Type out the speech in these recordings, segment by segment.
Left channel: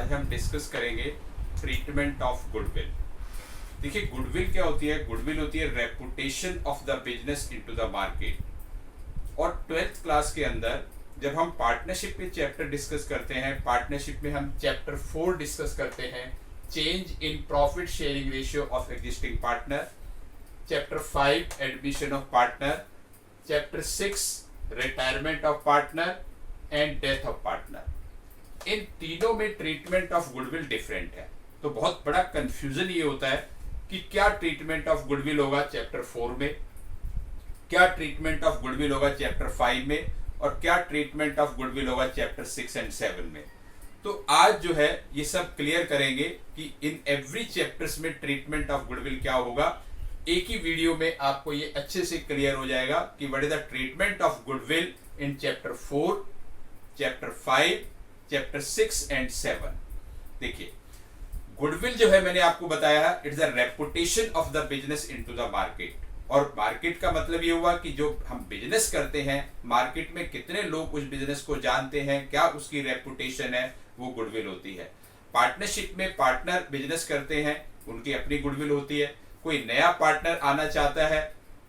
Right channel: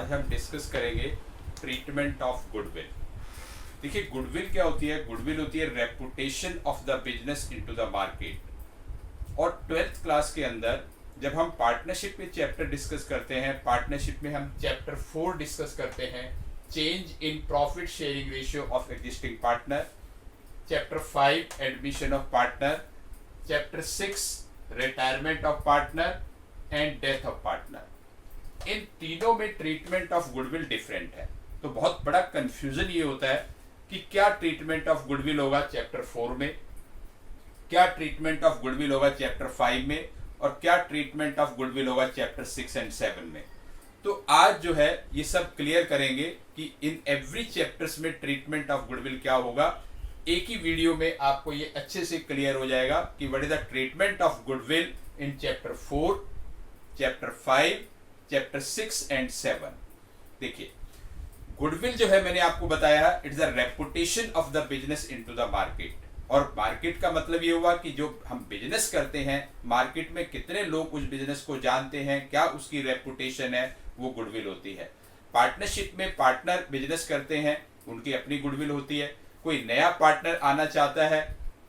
आज हम डिस्कस करेंगे ट्रीटमेंट ऑफ गुडविल। देखिए गुडविल क्या होती है? गुडविल होती है reputation of the business into the market. और 12th क्लास के अंदर जब हम पार्टनरशिप के चैप्टर डिस्कस करते हैं, पार्टनरशिप में हम चैप्टर 4 डिस्कस करते हैं, change in profit sharing ratio of existing partner, chapter 5 admission of partner, chapter 6 retirement of partner and death of partner. इन तीनों में ट्रीटमेंट ऑफ गुडविल डिफरेंट है। तो बहुत बड़ा कंफ्यूजन ये होता है कि क्या ट्रीटमेंट ऑफ गुडविल होगा चैप्टर 4 में, क्या ट्रीटमेंट ऑफ गुडविल होगा चैप्टर 5 में, और क्या ट्रीटमेंट ऑफ गुडविल होगा चैप्टर 6 एंड 7 में। तो आज जो है ये सब क्लियर करेंगे कि इन एवरी चैप्टर्स में ट्रीटमेंट ऑफ गुडविल क्या होगा। एक ही वीडियो में आपको ये अच्छे से क्लियर हो जाएगा कि what is the treatment of goodwill in chapter 4, chapter 5, chapter 6 and 7। देखिए गुडविल जो है मैंने आपको बताया it's the reputation of the business into the market. और मार्केट का मतलब ये हुआ कि जो हम बिजनेस करते हैं मार्केट में कितने लोग उस बिजनेस को जानते हैं, क्या उसकी रेपुटेशन है, वो गुडविल होती है। पार्टनरशिप में पार्टनर बिजनेस करते हैं, उनकी अपनी गुडविल होती है। कोई नया पार्टनर आना चाहता है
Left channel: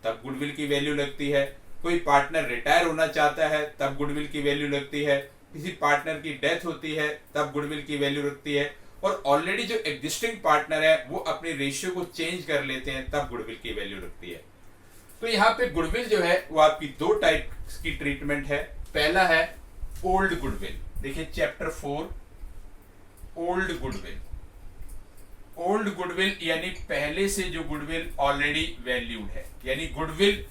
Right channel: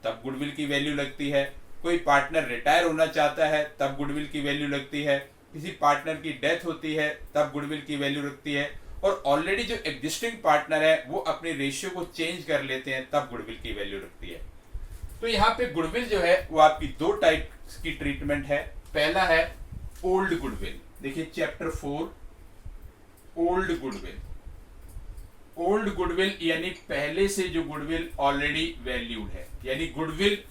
तब गुडविल की वैल्यू लगती है। कोई पार्टनर रिटायर होना चाहता है तब गुडविल की वैल्यू लगती है। किसी पार्टनर की डेथ होती है तब गुडविल की वैल्यू रखती है। और ऑलरेडी जो एग्जिस्टिंग पार्टनर है वो अपने रेशियो को चेंज कर लेते हैं तब गुडविल की वैल्यू रखती है। तो यहाँ पे गुडविल जो है वो आपकी दो टाइप की ट्रीटमेंट है। पहला है ओल्ड गुडविल। देखिए chapter 4 old goodwill. Old goodwill यानी पहले से जो गुडविल ऑलरेडी वैल्यूड है, यानी goodwill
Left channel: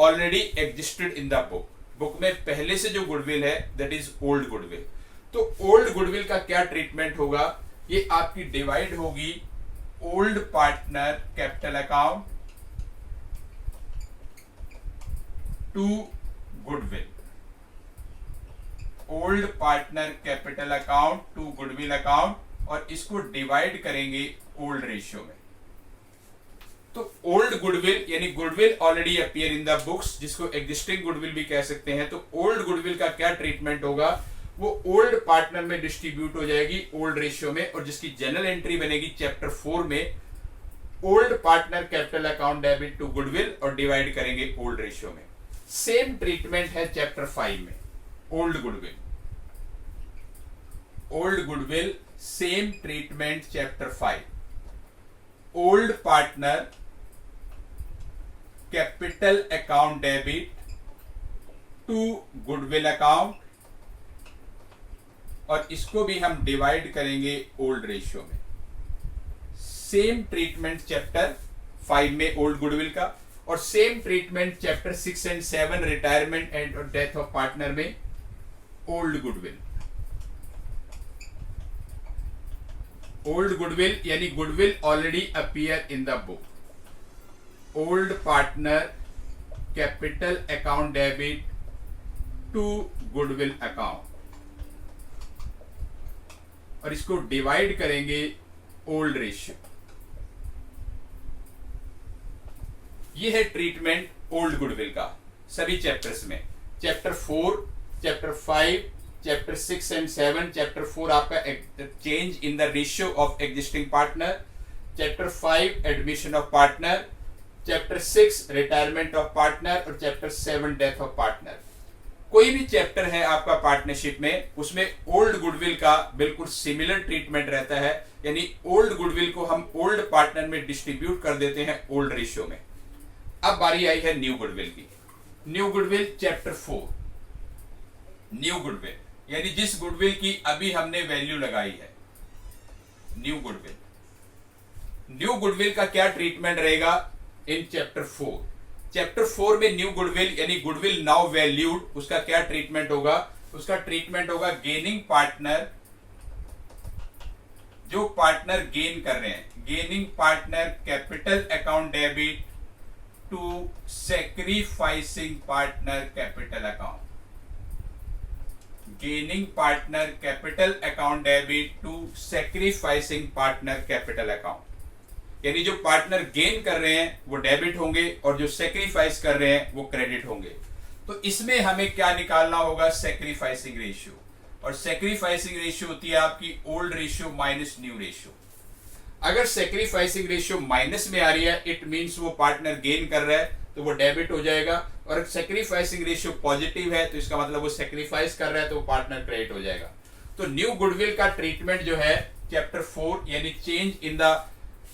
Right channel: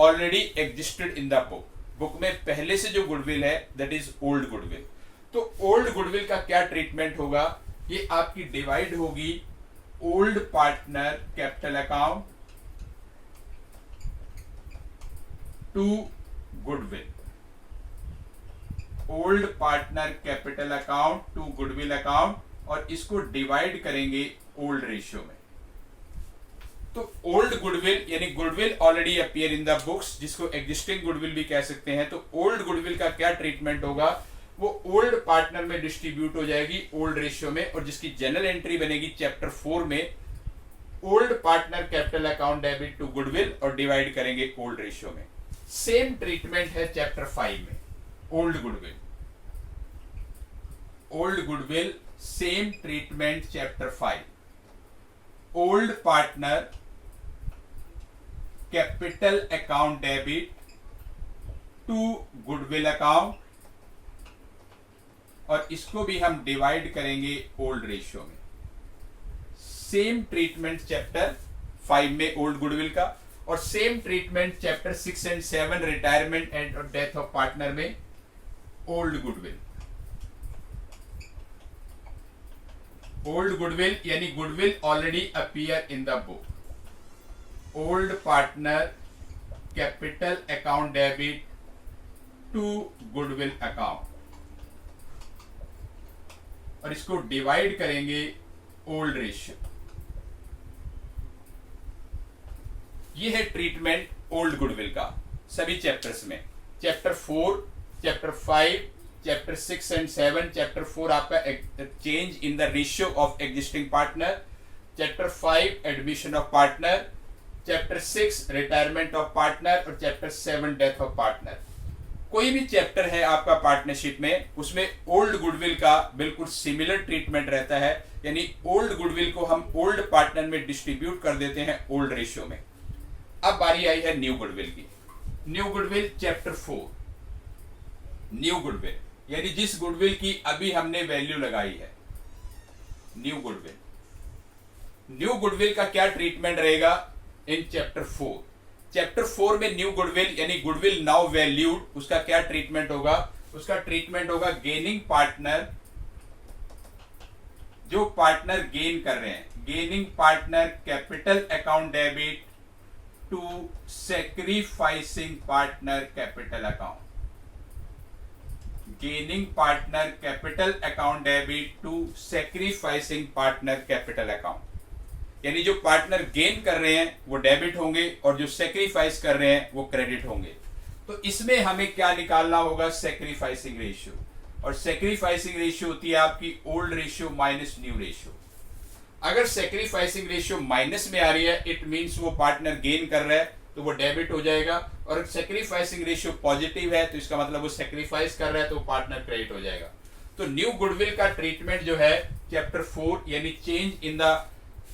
already existed in the book में पहले से जो गुडविल है दैट इज ओल्ड गुडविल। तो ओल्ड गुडविल का क्या ट्रीटमेंट होगा? ये आपकी डिवाइड होगी old partner capital account to goodwill, old partner capital account to goodwill account, और इसको डिवाइड करेंगे ओल्ड रेशियो में। तो ओल्ड गुडविल यानी goodwill already appear in the books, जिसको एग्जिस्टिंग गुडविल भी कह सकते हैं। तो ओल्ड गुडविल का क्या ट्रीटमेंट होगा? वो ओल्ड पार्टनर में डिस्ट्रीब्यूट हो जाएगी ओल्ड रेशियो में, और जिसकी जनरल एंट्री बनेगी चैप्टर 4 में old partner capital account debit to goodwill, और डिवाइड करेंगे ओल्ड रेशियो में। सेम ट्रीटमेंट है चैप्टर 5 में old goodwill. Old goodwill same treatment chapter 5 old partner capital account debit to goodwill account, और इसको भी हम डिवाइड करेंगे ओल्ड रेशियो में। सेम ट्रीटमेंट चैप्टर 5 में ओल्ड गुडविल का, और same treatment chapter 6 and 7 retirement and death of partner में ओल्ड गुडविल। ओल्ड गुडविल यानी goodwill already appear in the book, old partner capital account debit to goodwill account, और इसको divide करेंगे old ratio. ये है treatment old goodwill का सभी chapters में। Chapter 4, chapter 5, chapter 6 and 7। Chapter 4 आपका change in the ratio of existing partner, chapter 5 admission of partner, chapter 6 retirement of partner, और चैप्टर 7 डेथ ऑफ पार्टनर। कोई भी चैप्टर है आपका पार्टनरशिप में, उसमें ओल्ड गुडविल का बिल्कुल सिमिलर ट्रीटमेंट रहता है, यानी ओल्ड गुडविल को हम ओल्ड पार्टनर में डिस्ट्रीब्यूट कर देते हैं ओल्ड रेशियो में। अब बारी आई है न्यू गुडविल की। New goodwill chapter 4 new goodwill यानी जिस गुडविल की अभी हमने वैल्यू लगाई है, न्यू गुडविल। न्यू गुडविल का क्या ट्रीटमेंट रहेगा इन चैप्टर 4? चैप्टर 4 में न्यू गुडविल यानी गुडविल नाउ वैल्यूड, उसका क्या ट्रीटमेंट होगा? उसका ट्रीटमेंट होगा गेनिंग पार्टनर, जो पार्टनर गेन कर रहे हैं, gaining partner capital account debit to sacrificing partner capital account, gaining partner capital account debit to sacrificing partner capital account. यानी जो पार्टनर गेन कर रहे हैं वो डेबिट होंगे, और जो सैक्रिफाइस कर रहे हैं वो क्रेडिट होंगे। तो इसमें हमें क्या निकालना होगा? Sacrificing ratio. और सेक्रीफाइसिंग रेशियो होती है आपकी old ratio minus new ratio. अगर सेक्रीफाइसिंग रेशियो माइनस में आ रही है इट मींस वो पार्टनर गेन कर रहा है तो वो डेबिट हो जाएगा, और अगर सेक्रीफाइसिंग रेशियो पॉजिटिव है तो इसका मतलब वो सेक्रीफाइस कर रहा है तो वो पार्टनर क्रेडिट हो जाएगा। तो न्यू गुडविल का ट्रीटमेंट जो है चैप्टर 4 यानी change in the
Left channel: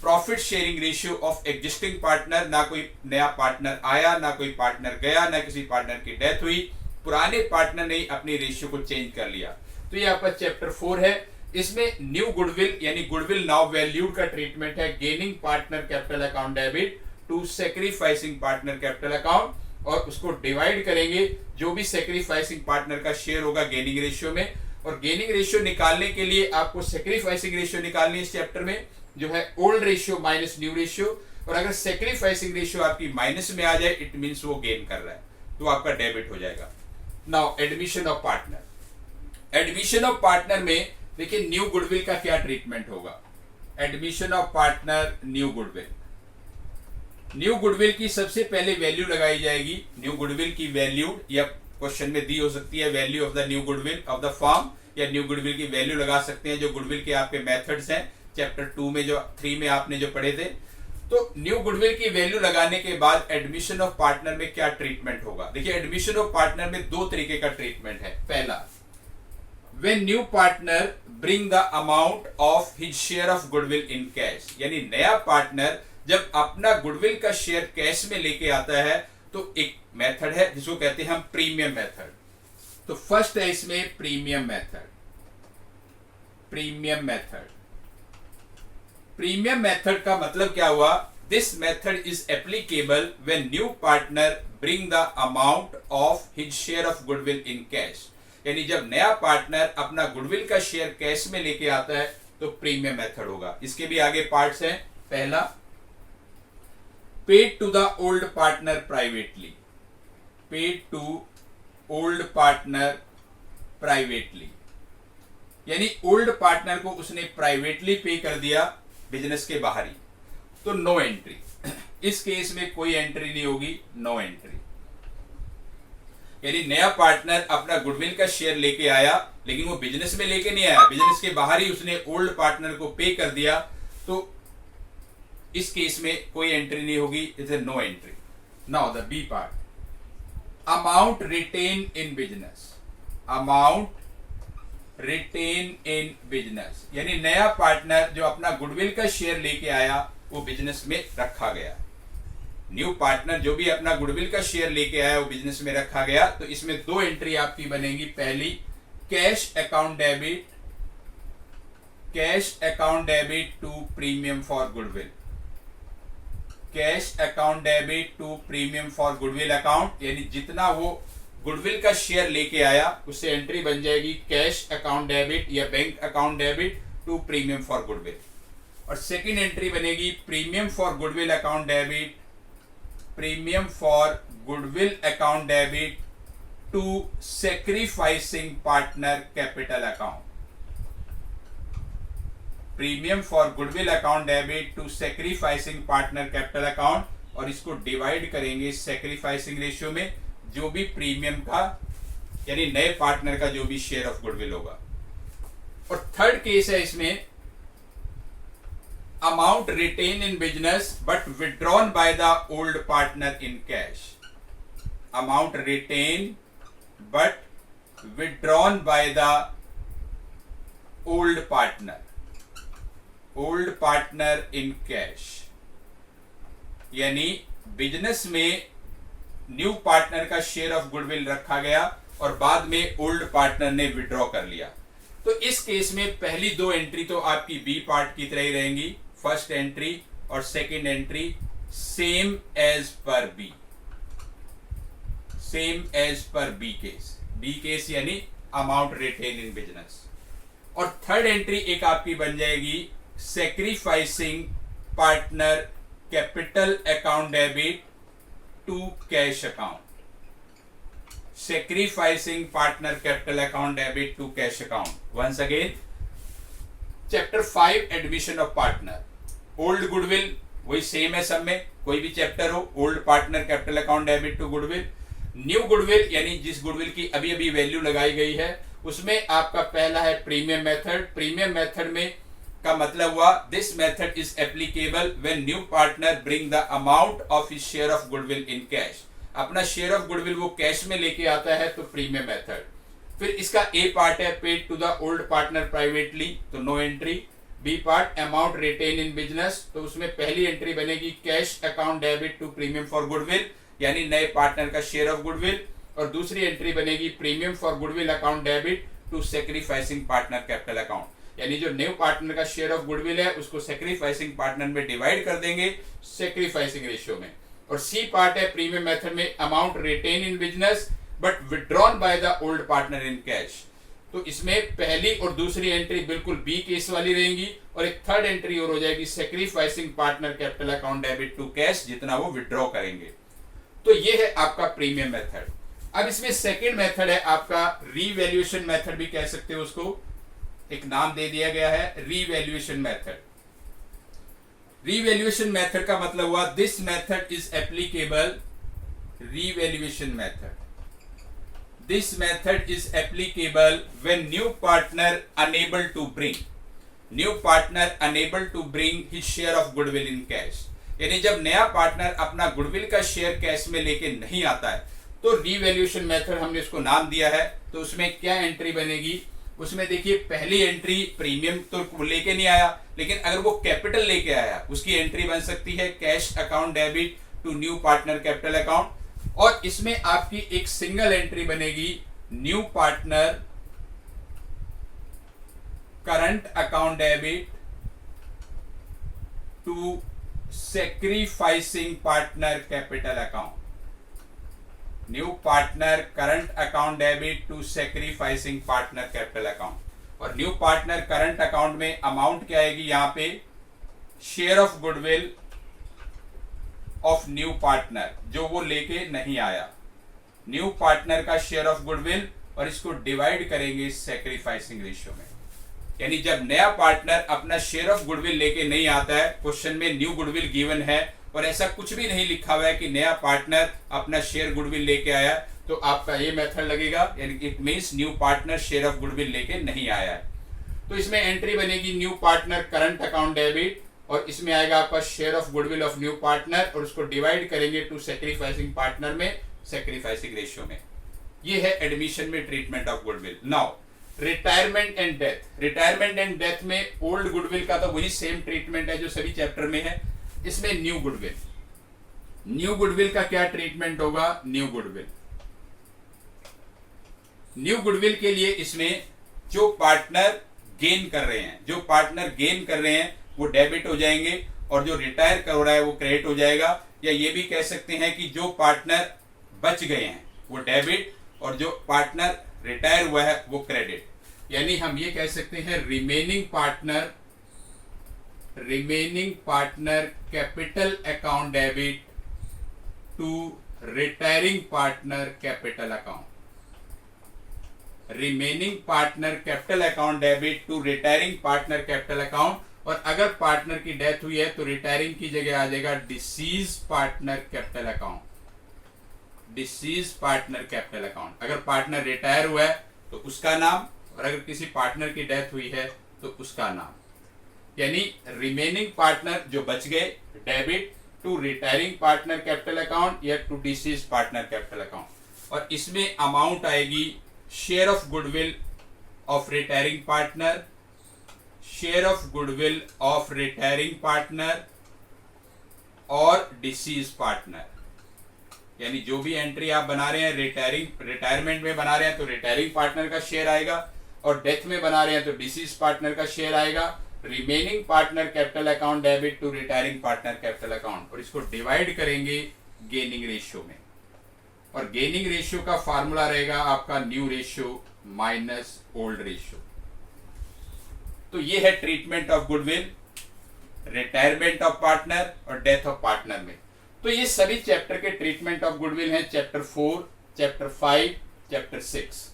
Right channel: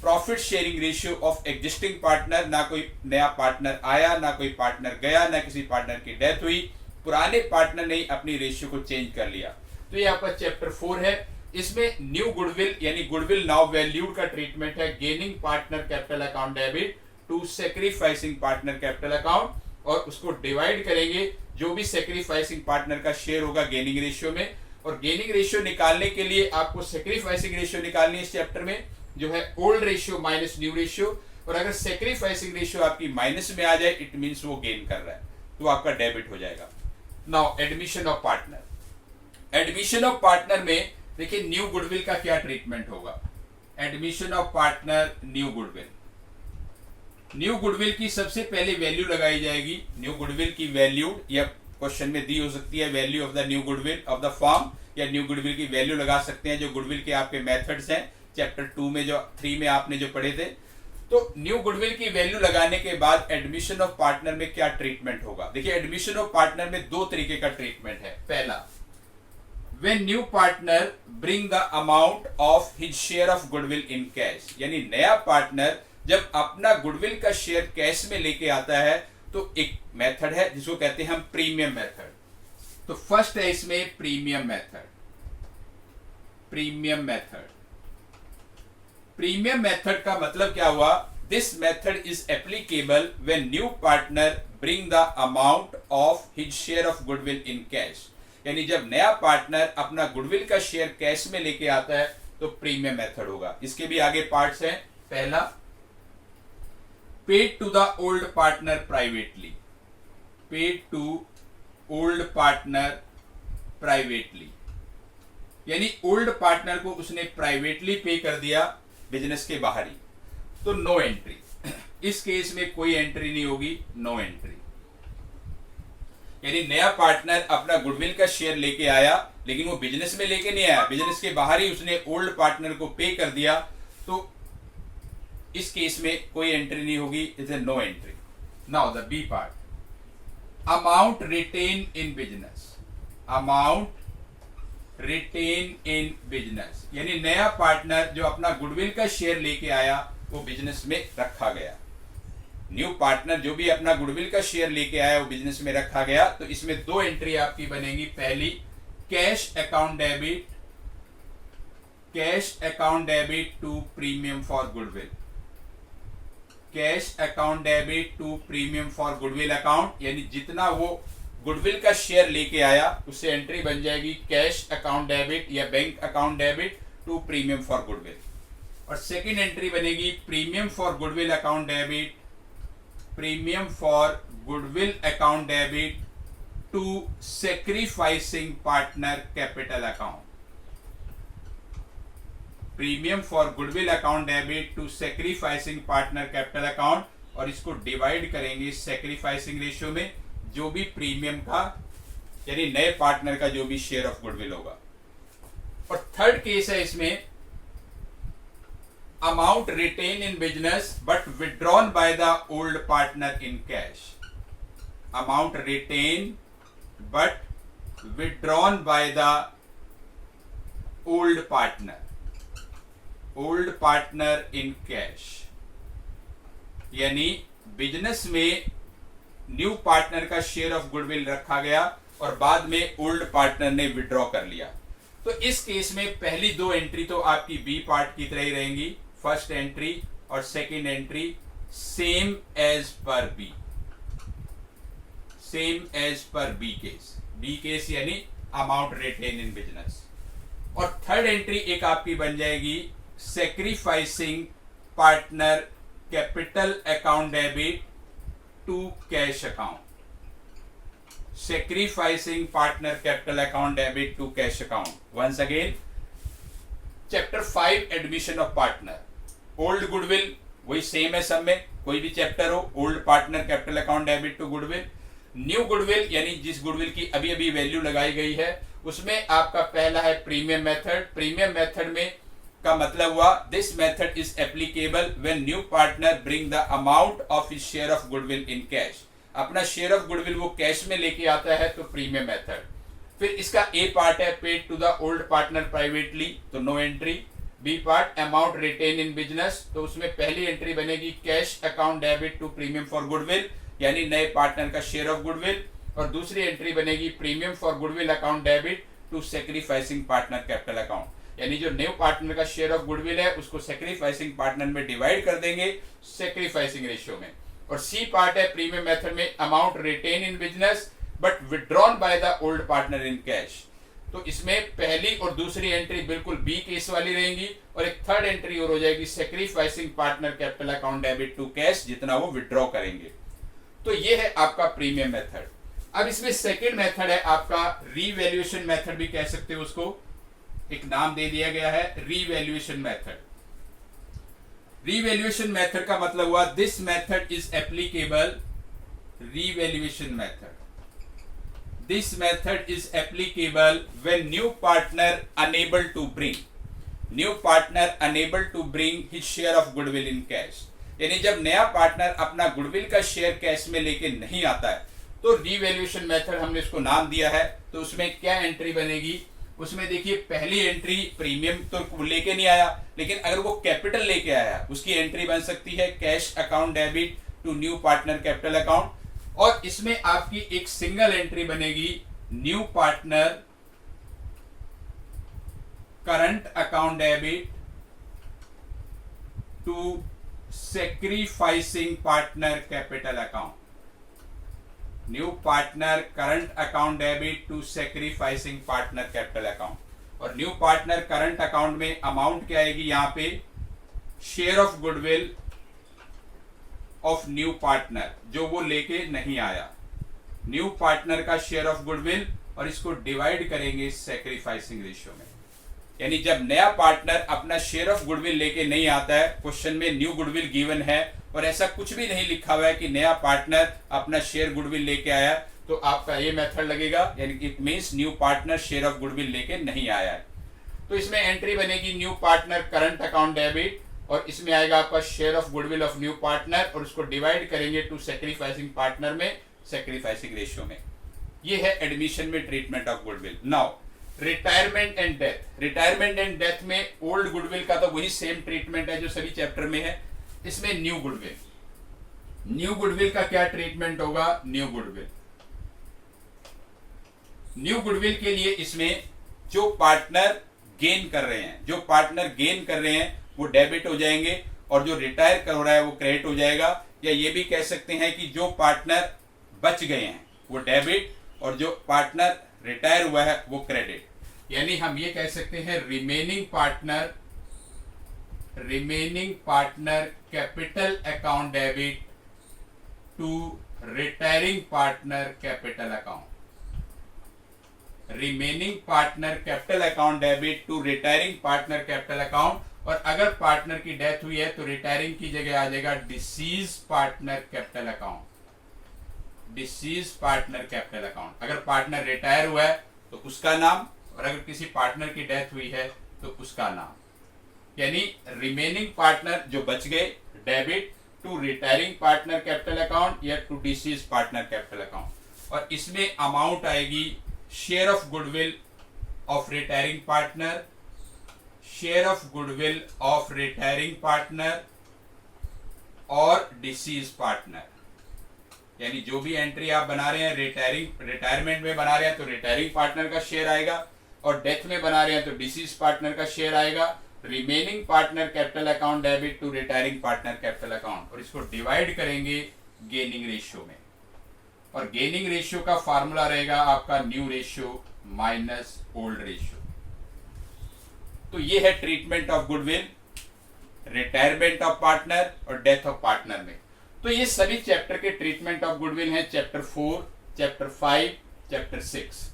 profit sharing ratio of existing partner, ना कोई नया पार्टनर आया ना कोई पार्टनर गया ना किसी पार्टनर की डेथ हुई, पुराने पार्टनर ने अपनी रेशियो को चेंज कर लिया। तो ये आपका चैप्टर 4 है। इसमें न्यू गुडविल यानी गुडविल नाउ वैल्यूड का ट्रीटमेंट है gaining partner capital account debit to sacrificing partner capital account, और उसको डिवाइड करेंगे जो भी सेक्रीफाइसिंग पार्टनर का शेयर होगा गेनिंग रेशियो में। और गेनिंग रेशियो निकालने के लिए आपको सेक्रीफाइसिंग रेशियो निकालनी है इस चैप्टर में जो है old ratio minus new ratio, और अगर सेक्रीफाइसिंग रेशियो आपकी माइनस में आ जाए इट मींस वो गेन कर रहा है तो आपका डेबिट हो जाएगा। Now admission of partner. Admission of partner में देखिए न्यू गुडविल का क्या ट्रीटमेंट होगा। Admission of partner new goodwill, new goodwill की सबसे पहले वैल्यू लगाई जाएगी। न्यू गुडविल की वैल्यू या क्वेश्चन में दी हो सकती है value of the new goodwill of the firm, या न्यू गुडविल की वैल्यू लगा सकते हैं जो गुडविल के आपके मेथड्स हैं चैप्टर 2 में जो 3 में आपने जो पढ़े थे। तो न्यू गुडविल की वैल्यू लगाने के बाद एडमिशन ऑफ पार्टनर में क्या ट्रीटमेंट होगा। देखिए एडमिशन ऑफ पार्टनर में दो तरीके का ट्रीटमेंट है। पहला, when new partner bring the amount of his share of goodwill in cash, यानी नया पार्टनर जब अपना गुडविल का शेयर कैश में लेके आता है तो एक मेथड है जिसको कहते हैं हम प्रीमियम मेथड। तो फर्स्ट है इसमें premium method. Premium method, premium method का मतलब क्या हुआ, this method is applicable when new partner bring the amount of his share of goodwill in cash, यानी जब नया पार्टनर अपना गुडविल का शेयर कैश में लेके आता है तो प्रीमियम मेथड होगा। इसके भी आगे पार्ट्स हैं। पहला, paid to the old partner privately, paid to old partner privately, यानी ओल्ड पार्टनर को उसने प्राइवेटली पे कर दिया बिजनेस के बाहर ही, तो नो एंट्री। इस केस में कोई एंट्री नहीं होगी, नो एंट्री। यानी नया पार्टनर अपना गुडविल का शेयर लेके आया लेकिन वो बिजनेस में लेके नहीं आया, बिजनेस के बाहर ही उसने ओल्ड पार्टनर को पे कर दिया, तो इस केस में कोई एंट्री नहीं होगी, it is no entry. Now the B part, amount retain in business, amount retain in business, यानी नया पार्टनर जो अपना गुडविल का शेयर लेके आया वो बिजनेस में रखा गया। न्यू पार्टनर जो भी अपना गुडविल का शेयर लेके आया वो बिजनेस में रखा गया, तो इसमें दो एंट्री आपकी बनेगी। पहली, cash account debit, cash account debit to premium for goodwill, cash account debit to premium for goodwill account, यानी जितना वो गुडविल का शेयर लेके आया उससे एंट्री बन जाएगी कैश अकाउंट डेबिट या bank account debit to premium for goodwill. और सेकेंड एंट्री बनेगी premium for goodwill account debit, premium for goodwill account debit to sacrificing partner capital account, premium for goodwill account debit to sacrificing partner capital account, और इसको divide करेंगे sacrificing ratio में जो भी premium का यानी नए पार्टनर का जो भी शेयर ऑफ गुडविल होगा। और थर्ड केस है इसमें, amount retained in business but withdrawn by the old partner in cash, amount retained but withdrawn by the old partner in cash, यानी बिजनेस में न्यू पार्टनर का शेयर ऑफ गुडविल रखा गया और बाद में ओल्ड पार्टनर ने विड्रॉ कर लिया। तो इस केस में पहली दो एंट्री तो आपकी बी पार्ट की तरह ही रहेंगी, फर्स्ट एंट्री और second entry same as per B, same as per B case, B case यानी अमाउंट रिटेन इन बिजनेस। और थर्ड एंट्री एक आपकी बन जाएगी sacrificing partner capital account debit to cash account, sacrificing partner capital account debit to cash account. Once again, chapter 5 admission of partner, old goodwill वही same है सब में, कोई भी चैप्टर हो, old partner capital account debit to goodwill, new goodwill यानी जिस goodwill की अभी अभी वैल्यू लगाई गई है उसमें आपका पहला है प्रीमियम मेथड। प्रीमियम मेथड में का मतलब हुआ this method is applicable when new partner bring the amount of his share of goodwill in cash. अपना शेयर ऑफ गुडविल वो कैश में लेके आता है तो प्रीमियम मेथड। फिर इसका ए पार्ट है paid to the old partner privately, तो no entry. B part amount retain in business, तो उसमें पहली एंट्री बनेगी cash account debit to premium for goodwill, यानी नए पार्टनर का शेयर ऑफ गुडविल। और दूसरी एंट्री बनेगी premium for goodwill account debit to sacrificing partner capital account, यानी जो न्यू पार्टनर का शेयर ऑफ गुडविल है उसको सेक्रीफाइसिंग पार्टनर में डिवाइड कर देंगे सेक्रीफाइसिंग रेशियो में। और सी पार्ट है प्रीमियम मेथड में amount retain in business but withdrawn by the old partner in cash. तो इसमें पहली और दूसरी एंट्री बिल्कुल बी केस वाली रहेंगी और एक थर्ड एंट्री और हो जाएगी sacrificing partner capital account debit to cash, जितना वो विड्रॉ करेंगे। तो ये है आपका प्रीमियम मेथड। अब इसमें सेकेंड मेथड है आपका रीवैल्यूएशन मेथड भी कह सकते हो, उसको एक नाम दे दिया गया है रीवैल्यूएशन मेथड। रीवैल्यूएशन मेथड का मतलब हुआ this method is applicable, revaluation method, this method is applicable when new partner unable to bring his share of goodwill in cash, यानी जब नया पार्टनर अपना गुडविल का शेयर कैश में लेके नहीं आता है तो रीवैल्यूएशन मेथड हमने इसको नाम दिया है। तो उसमें क्या एंट्री बनेगी, उसमें देखिए पहली एंट्री प्रीमियम तो लेके नहीं आया, लेकिन अगर वो कैपिटल लेके आया उसकी एंट्री बन सकती है cash account debit to new partner capital account. और इसमें आपकी एक सिंगल एंट्री बनेगी new partner current account debit to sacrificing partner capital account, new partner current account debit to sacrificing partner capital account. और new partner current account में amount क्या आएगी, यहां पे share of goodwill of new partner जो वो लेके नहीं आया, न्यू पार्टनर का शेयर ऑफ गुडविल, और इसको डिवाइड करेंगे सेक्रीफाइसिंग रेशियो में। यानी जब नया पार्टनर अपना शेयर ऑफ गुडविल लेके नहीं आता है, क्वेश्चन में न्यू गुडविल गिवन है और ऐसा कुछ भी नहीं लिखा हुआ है कि नया पार्टनर अपना शेयर गुडविल लेके आया, तो आपका ये मेथड लगेगा, यानी it means new partner share of goodwill लेके नहीं आया है। तो इसमें एंट्री बनेगी new partner current account debit और इसमें आएगा आपका share of goodwill of new partner और उसको डिवाइड करेंगे टू सेक्रीफाइसिंग पार्टनर में सेक्रीफाइसिंग रेशियो में। ये है एडमिशन में treatment of goodwill. Now retirement and death. Retirement and death में ओल्ड गुडविल का तो वही सेम ट्रीटमेंट है जो सभी चैप्टर में है। इसमें न्यू गुडविल, न्यू गुडविल का क्या ट्रीटमेंट होगा, न्यू गुडविल, न्यू गुडविल के लिए इसमें जो पार्टनर गेन कर रहे हैं, जो पार्टनर गेन कर रहे हैं वो डेबिट हो जाएंगे और जो रिटायर कर रहा है वो क्रेडिट हो जाएगा। या ये भी कह सकते हैं कि जो पार्टनर बच गए हैं वो डेबिट और जो पार्टनर रिटायर हुआ है वो क्रेडिट। यानी हम ये कह सकते हैं remaining partner capital account debit to retiring partner capital account, remaining partner capital account debit to retiring partner capital account. और अगर पार्टनर की डेथ हुई है तो रिटायरिंग की जगह आ जाएगा disease partner capital account, disease partner capital account. अगर पार्टनर रिटायर हुआ है तो उसका नाम, और अगर किसी पार्टनर की डेथ हुई है तो उसका नाम। यानी रिमेनिंग पार्टनर जो बच गए debit to retiring partner capital account या to deceased partner capital account. और इसमें अमाउंट आएगी share of goodwill of retiring partner, share of goodwill of retiring partner और डिसीज पार्टनर। यानी जो भी एंट्री आप बना रहे हैं रिटायरमेंट में बना रहे हैं तो रिटायरिंग पार्टनर का शेयर आएगा और डेथ में बना रहे हैं तो डिसीज पार्टनर का शेयर आएगा। Remaining partner capital account debit to retiring partner capital account और इसको डिवाइड करेंगे गेनिंग रेशियो में। और गेनिंग रेशियो का फार्मूला रहेगा आपका new ratio minus old ratio. तो ये है treatment of goodwill, retirement of partner और डेथ ऑफ पार्टनर में। तो ये सभी चैप्टर के ट्रीटमेंट ऑफ गुडविल हैं, चैप्टर 4, चैप्टर 5, चैप्टर 6।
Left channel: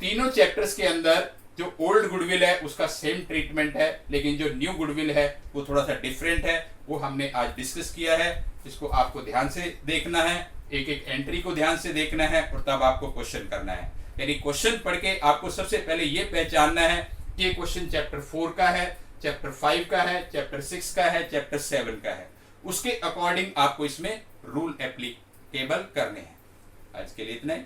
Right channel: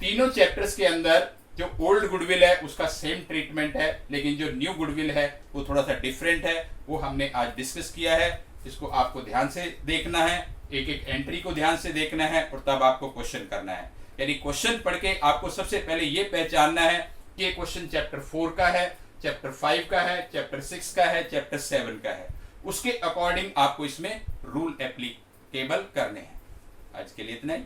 तीनों चैप्टर्स के अंदर जो ओल्ड गुडविल है उसका सेम ट्रीटमेंट है, लेकिन जो न्यू गुडविल है वो थोड़ा सा डिफरेंट है, वो हमने आज डिस्कस किया है। इसको आपको ध्यान से देखना है, एक एक एंट्री को ध्यान से देखना है और तब आपको क्वेश्चन करना है। यानी क्वेश्चन पढ़ के आपको सबसे पहले ये पहचानना है कि ये क्वेश्चन चैप्टर 4 का है, चैप्टर 5 का है, चैप्टर 6 का है, चैप्टर 7 का है। उसके अकॉर्डिंग आपको इसमें रूल एप्लीकेबल करने हैं। आज के लिए इतना ही।